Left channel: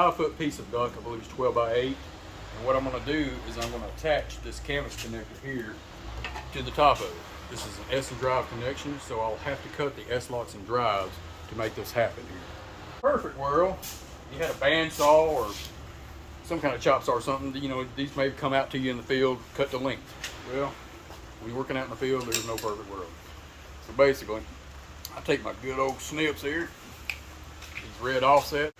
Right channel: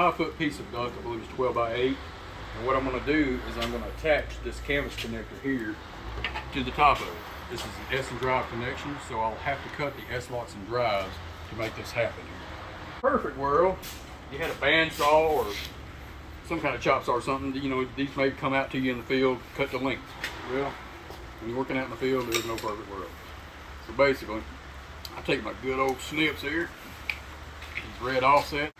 5-foot piece of duct, I believe it's 12 by 8. And what I'm going to do is I'm going to attach this canvas connector here to the top of it. This is an S and drive connection, so I'll have to cut the S-locks and drives to make this happen here. Perfect world, you had a bandsaw or some kind of chop saw or something, you know, these may come out to you in the field, cut the length. Well, when you're working out in the field, there's no perfect world. So basically, I'll take my good old snips here, these red offset,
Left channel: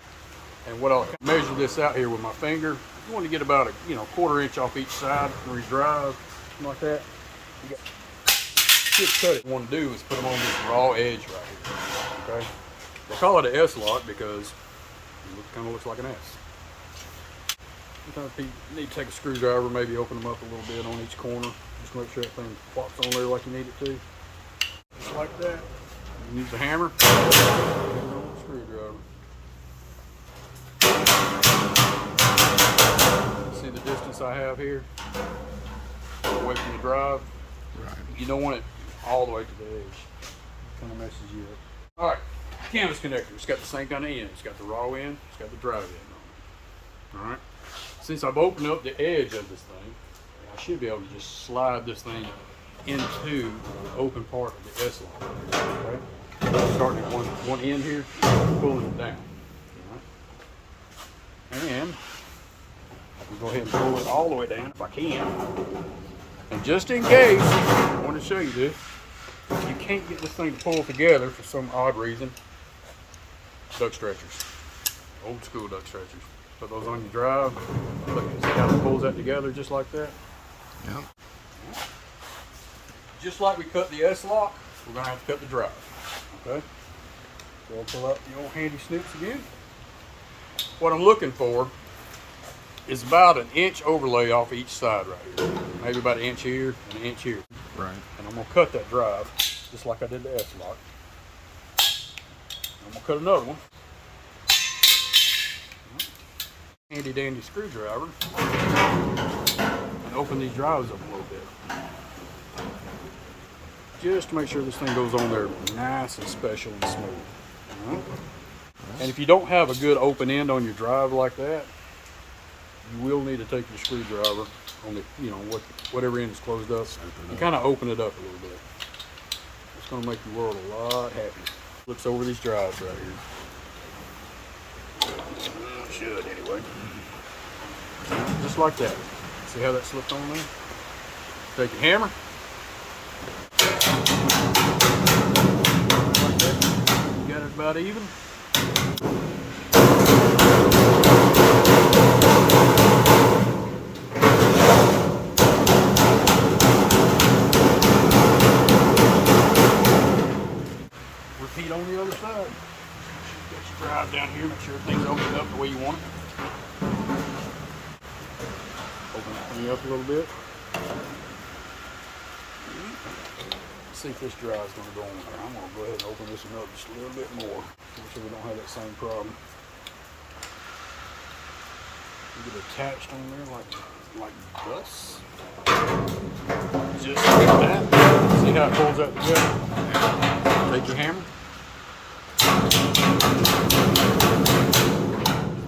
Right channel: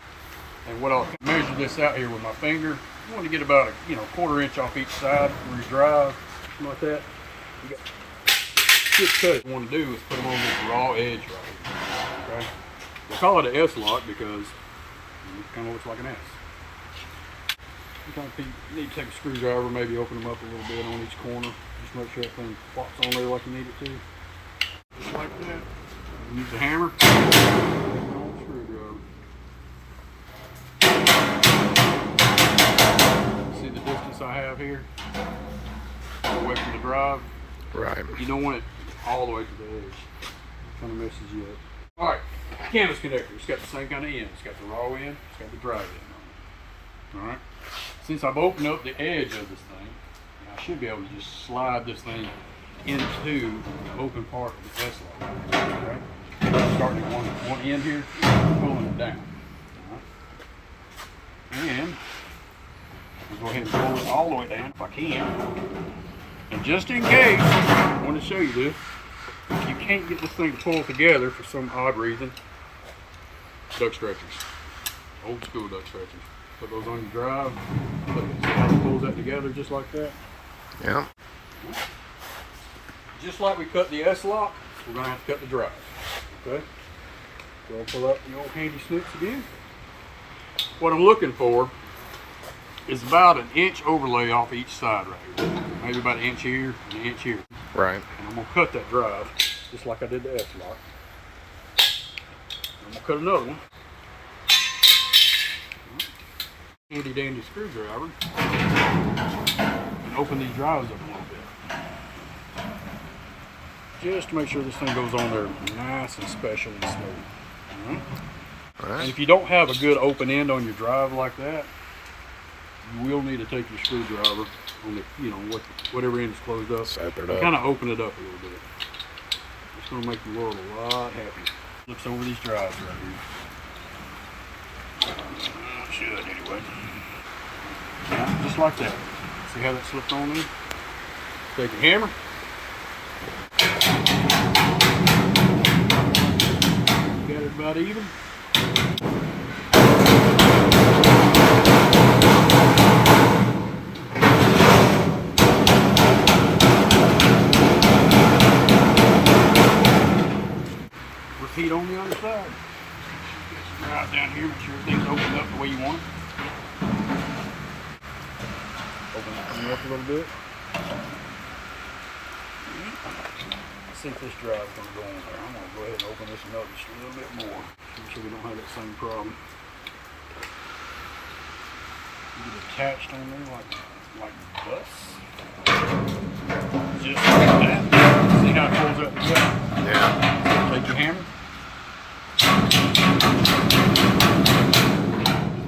and what I'll measure this out here with my finger. You want to get about a 1/4 inch off each side where you drive, something like that. Cut it. What you want to do is put them on this raw edge right here. Okay? They call it an S-lock because it kind of looks like an S. Sometimes people need to take a screwdriver, maybe open them up a little bit on each corner. Just make sure everything pops on there like you need it to. Just like that. Use a hammer. Screwdriver. See the distance I have here? Away from the drive. Right. You don't want it all the way to the edge. It kind of messes you up. All right, canvas connector. It's got the same kind of end. It's got the raw end. It's got the dry end on it. All right. Since I've opened up the edge of this thing, I should be able to just slide this thing into the open part of the S-lock. Okay. Starting at one end here, pulling it down. All right. And I'll just go ahead and pull it all the way down if I can. And just in case, I want to show you this. You can't get this thing to pull together for some odd reason. Duct stretchers. Old school duct stretchers. Put those on your drive. See how it pulls that together just like that? Yeah. Just like we cut the S-lock, we're going to have to cut the drive. Okay? So we'll pull out the old handy snips again. What I'm looking for is about an inch overlay off each side right here. Maybe about an inch here and an inch here. Right. And I'm going to cut that drive just like I did the S-lock. I'm going to cut another one. Handy dandy screwdriver. And open these drives up a little bit. Just to make sure this thing goes on there nice and special and smooth. All right? All right. And if you don't have a good open end on your drive like that, you will need to take your screwdriver on the, whatever end is closed up. Sap it up. Kind of open it up a little bit. It's going to make the world a lot happier. Flips over these drives right here. Well, it should anyway. Just like that. See how that slipped on there? Take your hammer. Got it about even. Repeat on the other side. Get your drive down here, make sure everything's opened up the way you want it. Open it up a little bit. See if this drive's going to go in there. I'm going to go ahead and open this one up just a little bit more. Make sure we don't have that same problem. Get it attached on there like this. Just like that. See how it pulls that together? Yeah. Take your hammer.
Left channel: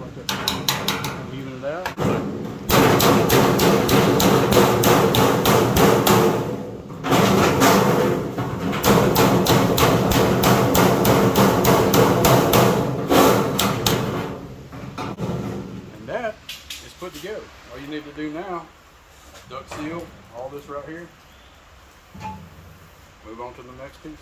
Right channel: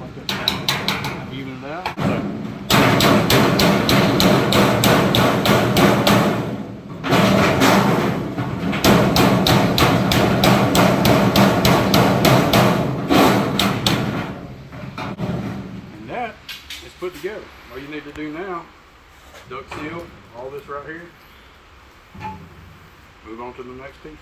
Like that. Even it out. And that is put together. All you need to do now, duct seal all this right here. Move on to the next piece.